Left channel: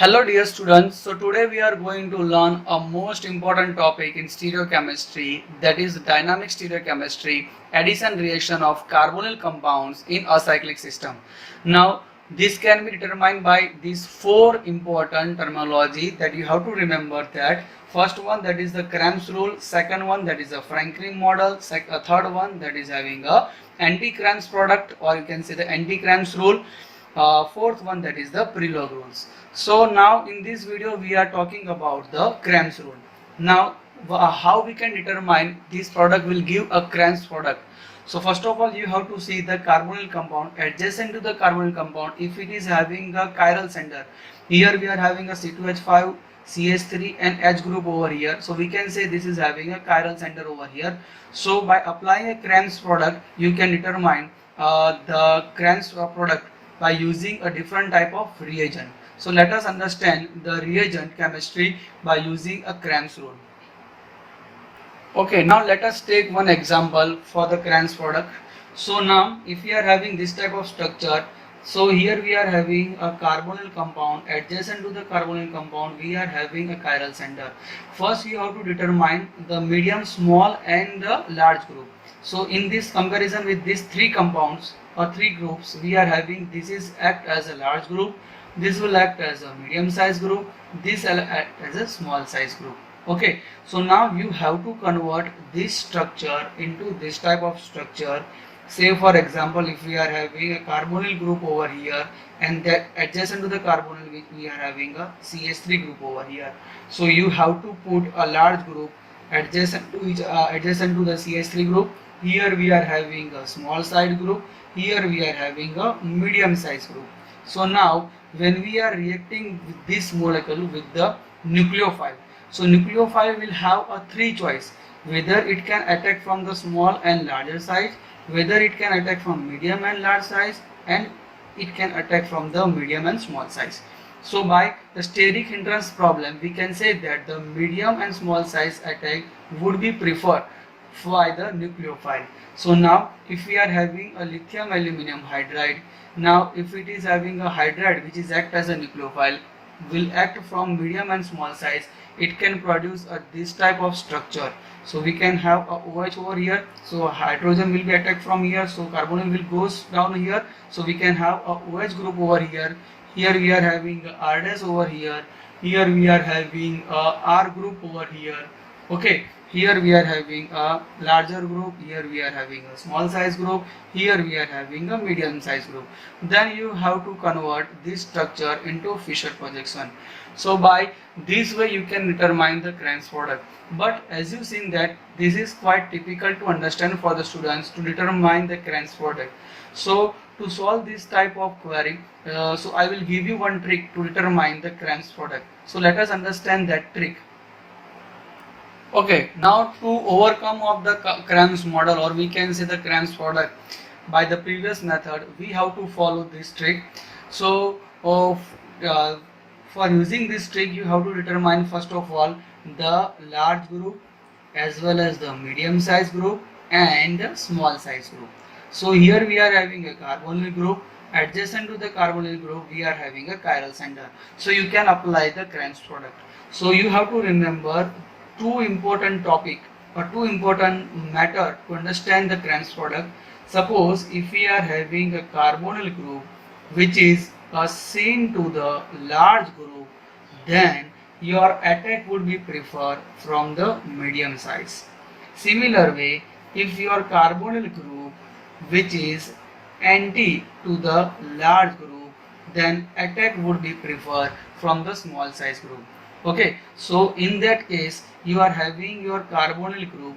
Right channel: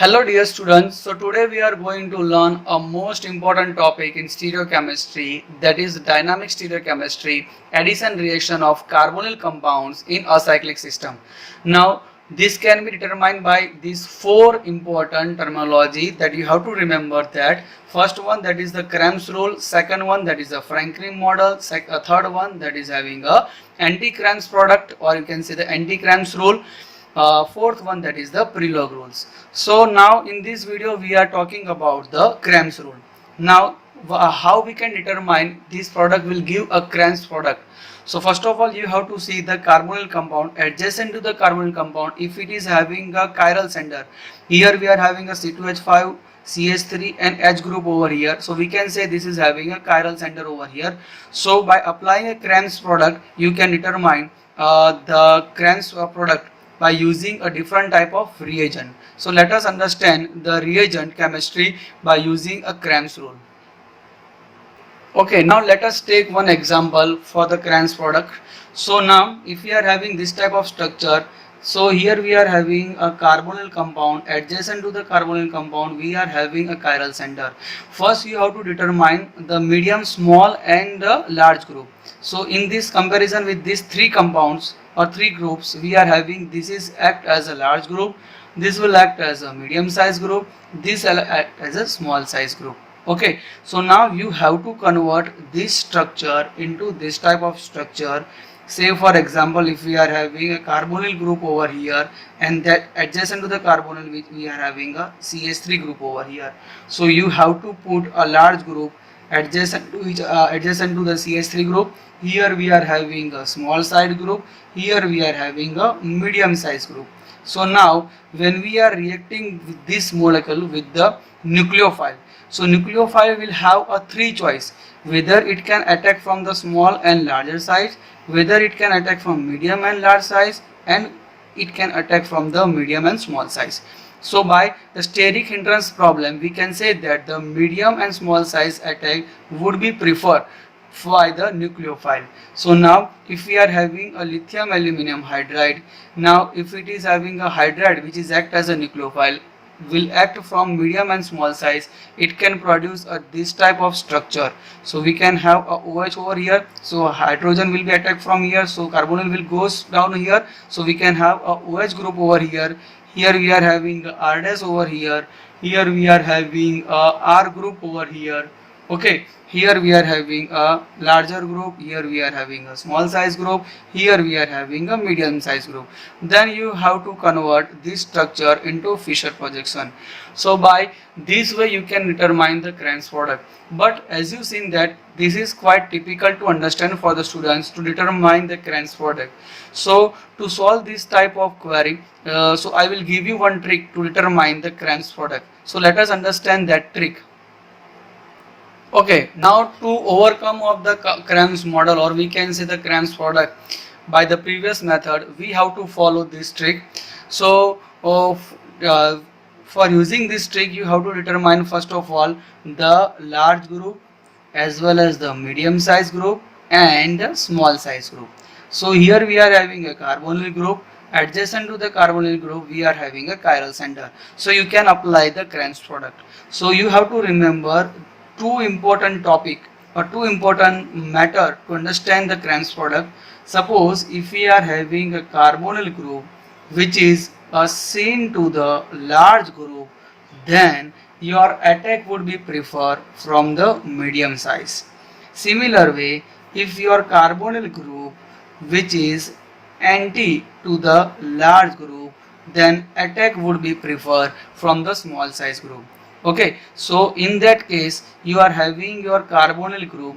Hello dear students, so today we are going to learn a most important topic in stereochemistry, that is dynamic stereochemistry, addition reaction of carbonyl compounds in a cyclic system. Now this can be determined by these four important terminology that you have to remember. That first one, that is the Cram's rule, second one, that is the Franklin model, third one, that is having a anti-Cram's product, or you can say the anti-Cram's rule. Fourth one, that is the Prelog rules. So now in this video we are talking about the Cram's rule. Now how we can determine this product will give a Cram's product. So first of all, you have to see the carbonyl compound adjacent to the carbonyl compound. If it is having a chiral center, here we are having a C2H5, CH3 and H group over here, so we can say this is having a chiral center over here. So by applying a Cram's product, you can determine the Cram's product by using a different type of reagent. So let us understand the reagent chemistry by using a Cram's rule. Okay, now let us take one example for the Cram's product. So now if we are having this type of structure, so here we are having a carbonyl compound, adjacent to the carbonyl compound we are having a chiral center. First you have to determine the medium, small and the large group. So in this comparison with these three compounds or three groups, we are having this is act as a large group, this will act as a medium size group, this will act as a small size group. Okay, so now you have to convert this structure into this type of structure. Say for example, if we are having a carbonyl group over here and that adjacent to the carbonyl we are having a CH3 group over here. So you have to put a large group adjacent to the CH3 group. Here we are having a small size group, here we are having a medium size group. So now when we are reacting with this molecule with the nucleophile, so nucleophile will have a three choice, whether it can attack from the small and larger size, whether it can attack from medium and large size, and it can attack from the medium and small size. So by the steric hindrance problem, we can say that the medium and small size attack would be preferred by the nucleophile. So now if we are having a lithium aluminum hydride, now if it is having a hydride which is act as a nucleophile, will act from medium and small size, it can produce this type of structure. So we can have a OH over here, so hydrogen will be attacked from here, so carbonyl will goes down here, so we can have a OH group over here. Here we are having a R dash over here, here we are having a R group over here. Okay, here we are having a larger group, here we are having a small size group, here we are having a medium size group. Then you have to convert this structure into Fischer projection. So by this way you can determine the Cram's product. But as you seen that this is quite typical to understand for the students to determine the Cram's product. So to solve this type of query, so I will give you one trick to determine the Cram's product. So let us understand that trick. Okay, now to overcome of the Cram's model, or we can say the Cram's product by the previous method, we have to follow this trick. So for using this trick, you have to determine first of all the large group as well as the medium size group and the small size group. So here we are having a carbonyl group, adjacent to the carbonyl group we are having a chiral center. So you can apply the Cram's product. So you have to remember two important topic or two important matter to understand the Cram's product. Suppose if we are having a carbonyl group which is assigned to the large group, then your attack would be preferred from the medium size. Similar way, if your carbonyl group which is anti to the large group, then attack would be preferred from the small size group. Okay, so in that case you are having your carbonyl group.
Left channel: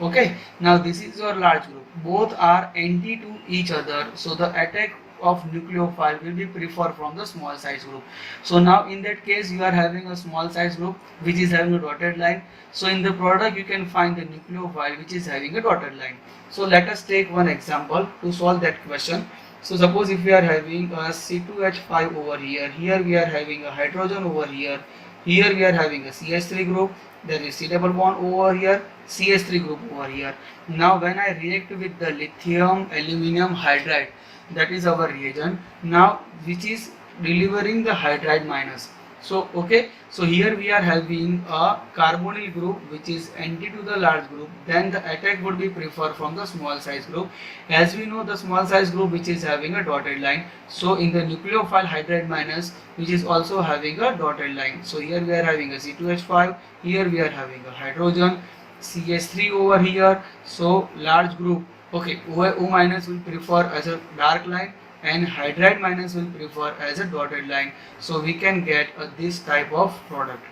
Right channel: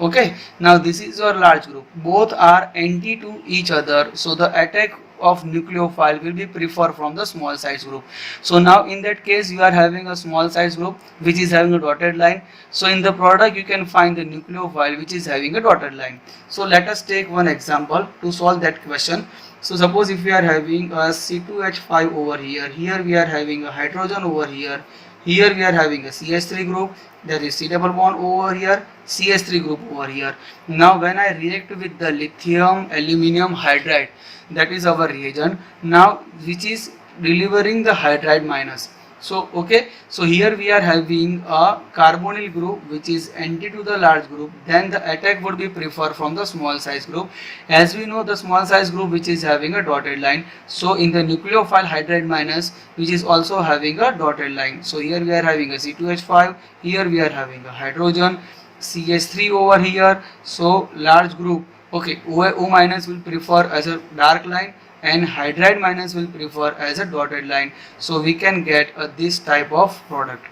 Okay, now this is your large group, both are anti to each other, so the attack of nucleophile will be preferred from the small size group. So now in that case you are having a small size group which is having a dotted line. So in the product you can find the nucleophile which is having a dotted line. So let us take one example to solve that question. So suppose if we are having a C2H5 over here, here we are having a hydrogen over here, here we are having a CH3 group, there is C double bond over here, CH3 group over here. Now when I react with the lithium aluminum hydride, that is our reagent, now which is delivering the hydride minus. So okay, so here we are having a carbonyl group which is anti to the large group, then the attack would be preferred from the small size group. As we know, the small size group which is having a dotted line, so in the nucleophile hydride minus which is also having a dotted line. So here we are having a C2H5, here we are having a hydrogen, CH3 over here. So large group, okay, O minus will prefer as a dark line and hydride minus will prefer as a dotted line. So we can get this type of product.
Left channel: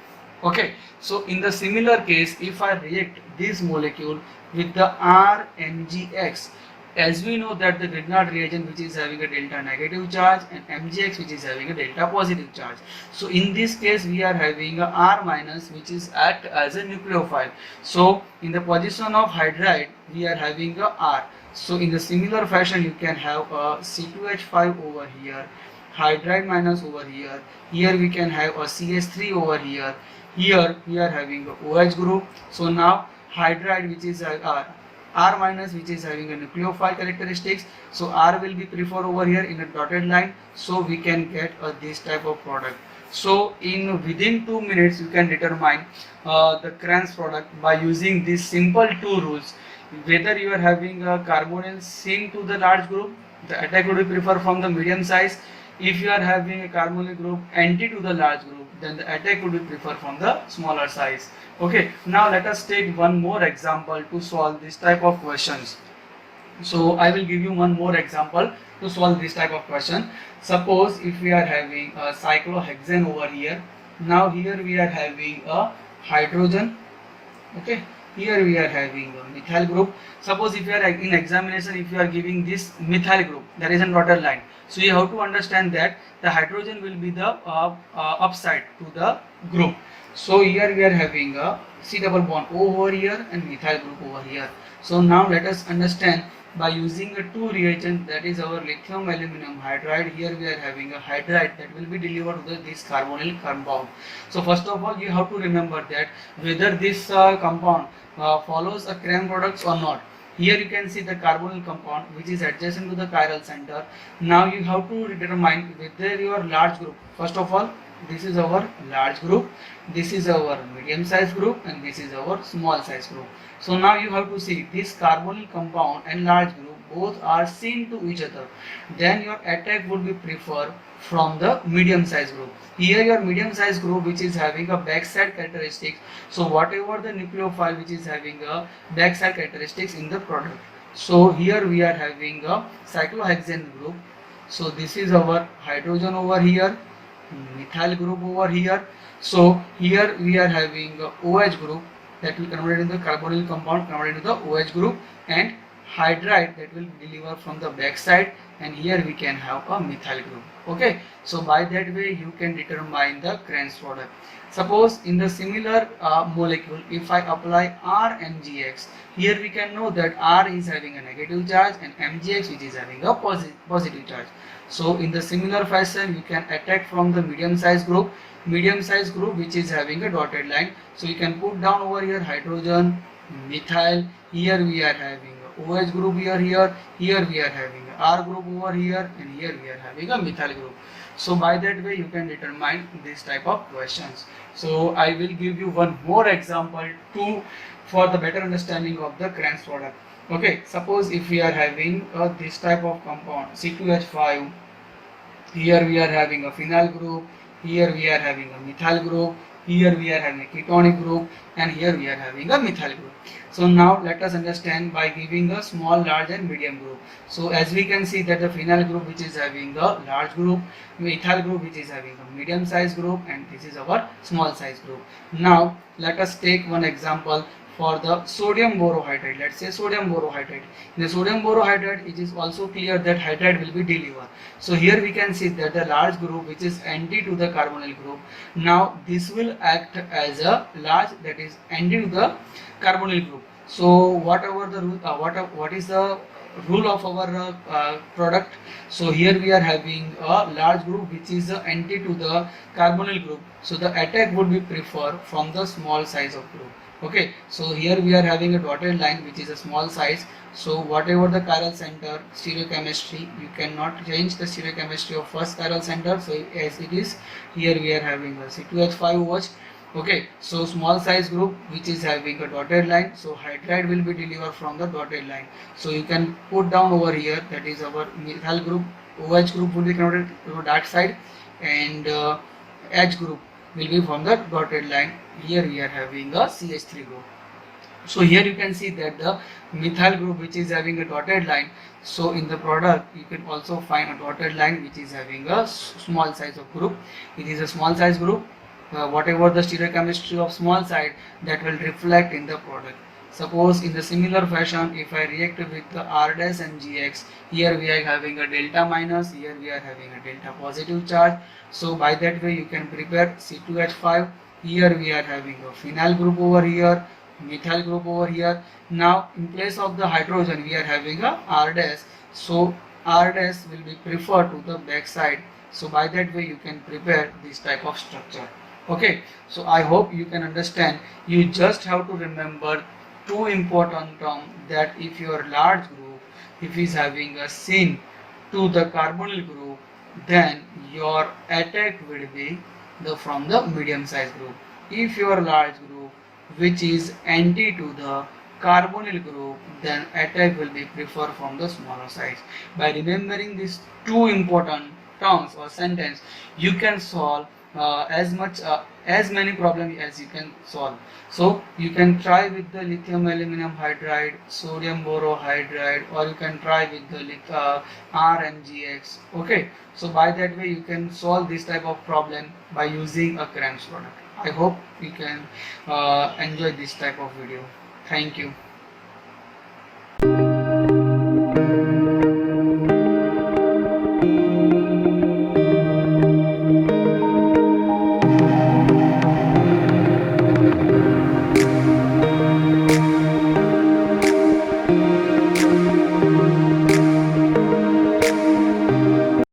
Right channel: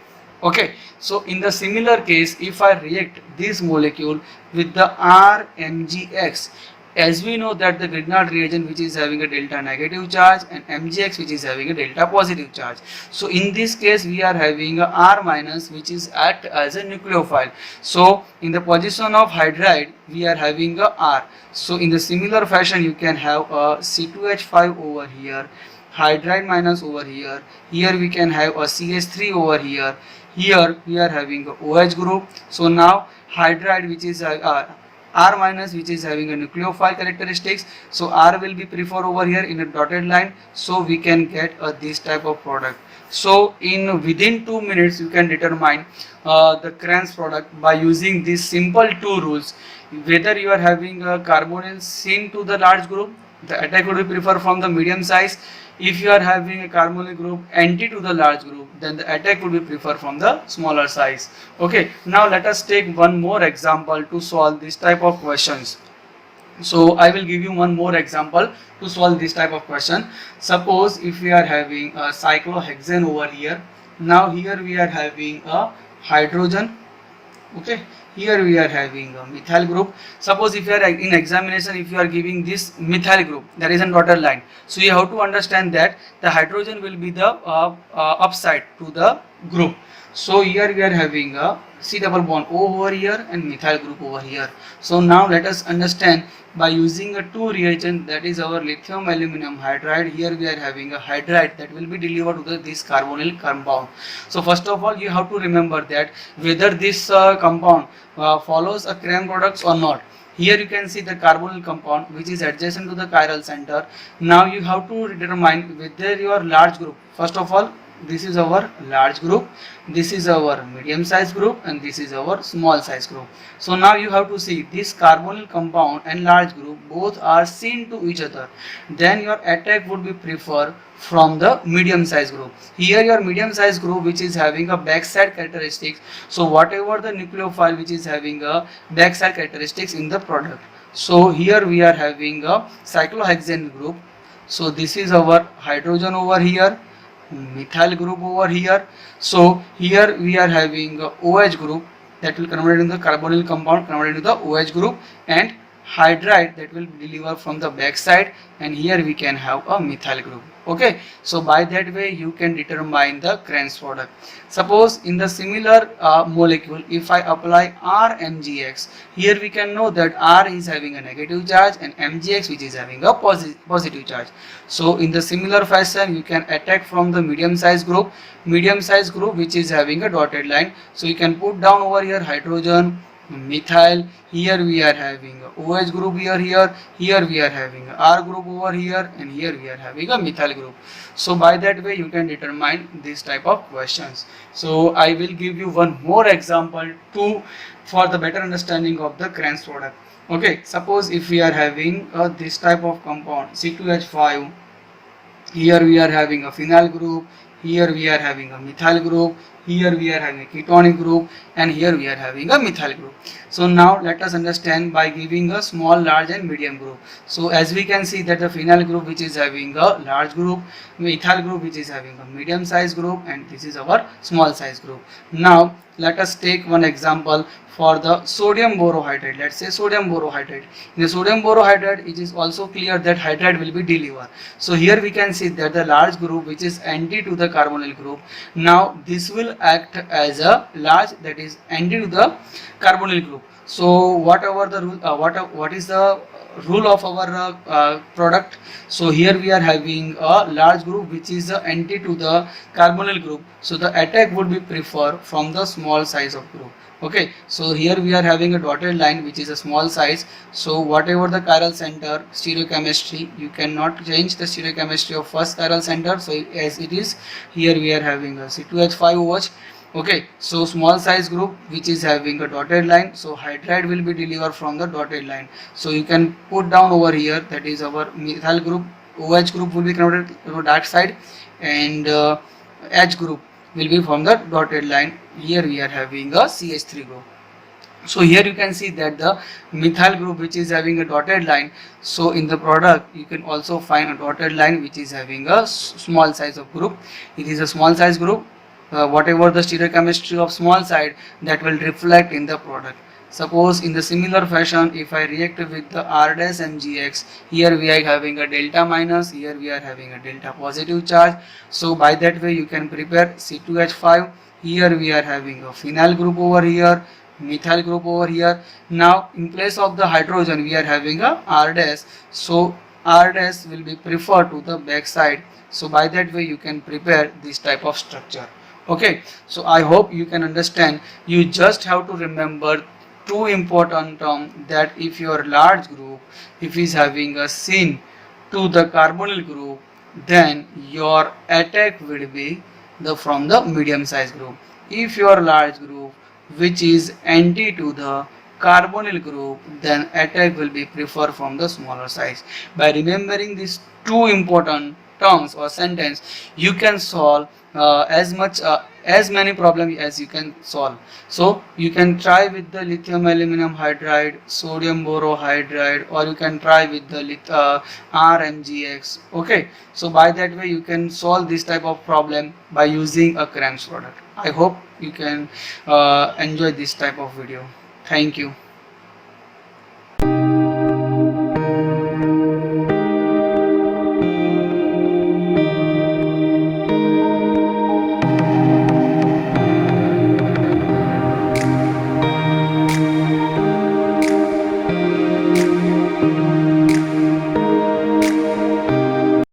Okay, so in the similar case, if I react this molecule with the RMgX, as we know that the Grignard reagent which is having a delta negative charge and MgX which is having a delta positive charge. So in this case we are having a R minus which is act as a nucleophile. So in the position of hydride we are having a R. So in the similar fashion you can have a C2H5 over here, hydride minus over here, here we can have a CH3 over here, here we are having a OH group. So now hydride which is R minus which is having a nucleophile characteristics, so R will be preferred over here in a dotted line, so we can get this type of product. So in within 2 minutes you can determine the Cram's product by using these simple two rules. Whether you are having a carbonyl syn to the large group, the attack would be preferred from the medium size. If you are having a carbonyl group anti to the large group, then the attack would be preferred from the smaller size. Okay, now let us take one more example to solve this type of questions. So I will give you one more example to solve this type of question. Suppose if we are having a cyclohexane over here, now here we are having a hydrogen, okay, here we are having a methyl group. Suppose if you are in examination, if you are giving this methyl group, there is a dotted line, so you have to understand that the hydrogen will be the upside to the group. So here we are having a C double bond O over here and methyl group over here. So now let us understand by using a two reagent, that is our lithium aluminum hydride. Here we are having a hydride that will be delivered to this carbonyl compound. So first of all you have to remember that whether this compound follows a Cram products or not. Here you can see the carbonyl compound which is adjacent to the chiral center. Now you have to determine whether your large group, first of all this is our large group, this is our medium size group, and this is our small size group. So now you have to see this carbonyl compound and large group both are seen to each other, then your attack would be preferred from the medium size group. Here your medium size group which is having a backside characteristics, so whatever the nucleophile which is having a backside characteristics in the product. So here we are having a cyclohexane group, so this is our hydrogen over here, methyl group over here. So here we are having a OH group that will convert into the carbonyl compound, convert into the OH group, and hydride that will deliver from the back side, and here we can have a methyl group. Okay, so by that way you can determine the Cram's product. Suppose in the similar molecule, if I apply RMgX, here we can know that R is having a negative charge and MgX which is having a positive charge. So in the similar fashion you can attack from the medium size group which is having a dotted line. So you can put down over here hydrogen, methyl, here we are having a OH group here we are having a R group over here, and here we are having a methyl group. So by that way you can determine this type of questions. So I will give you one more example for the better understanding of the Cram's product. Okay, suppose if we are having this type of compound C2H5, here we are having a phenyl group, here we are having a methyl group, here we are having a ketonic group, and here we are having a methyl group. So now let us understand by giving a small, large and medium group. So as we can see that the phenyl group which is having a large group, methyl group which is having a medium size group, and this is our small size group. Now let us take one example for the sodium borohydride. Let's say sodium borohydride. In the sodium borohydride it is also clear that hydride will be delivered. So here we can see that the large group which is anti to the carbonyl group, now this will act as a large that is anti to the carbonyl group. So whatever the what is the rule of our product? So here we are having a large group which is anti to the carbonyl group, so the attack would be preferred from the small size of group. Okay, so here we are having a dotted line which is a small size. So whatever the chiral center, stereochemistry, you cannot change the stereochemistry of first chiral center. So as it is, here we are having a C2H5OH. Okay, so small size group which is having a dotted line, so hydride will be delivered from the dotted line. So you can put down over here, that is our methyl group. OH group will be connected to that side, and H group will be from the dotted line. Here we are having a CH3 group. So here you can see that the methyl group which is having a dotted line, so in the product you can also find a dotted line which is having a small size of group. It is a small size group. Whatever the stereochemistry of small side, that will reflect in the product. Suppose in the similar fashion, if I react with the R dash MgX, here we are having a delta minus, here we are having a delta positive charge. So by that way you can prepare C2H5. Here we are having a phenyl group over here, methyl group over here. Now in place of the hydrogen we are having a R dash. So R dash will be preferred to the back side. So by that way you can prepare this type of structure. Okay, so I hope you can understand. You just have to remember two important terms, that if your large group, if is having a syn to the carbonyl group, then your attack will be the from the medium size group. If your large group which is anti to the carbonyl group, then attack will be preferred from the smaller size. By remembering these two important terms or sentence, you can solve as many problems as you can solve. So you can try with the lithium aluminum hydride, sodium borohydride, or you can try with the RMGX. Okay, so by that way you can solve this type of problem by using a Cram's product. I hope you can enjoy this type of video. Thank you.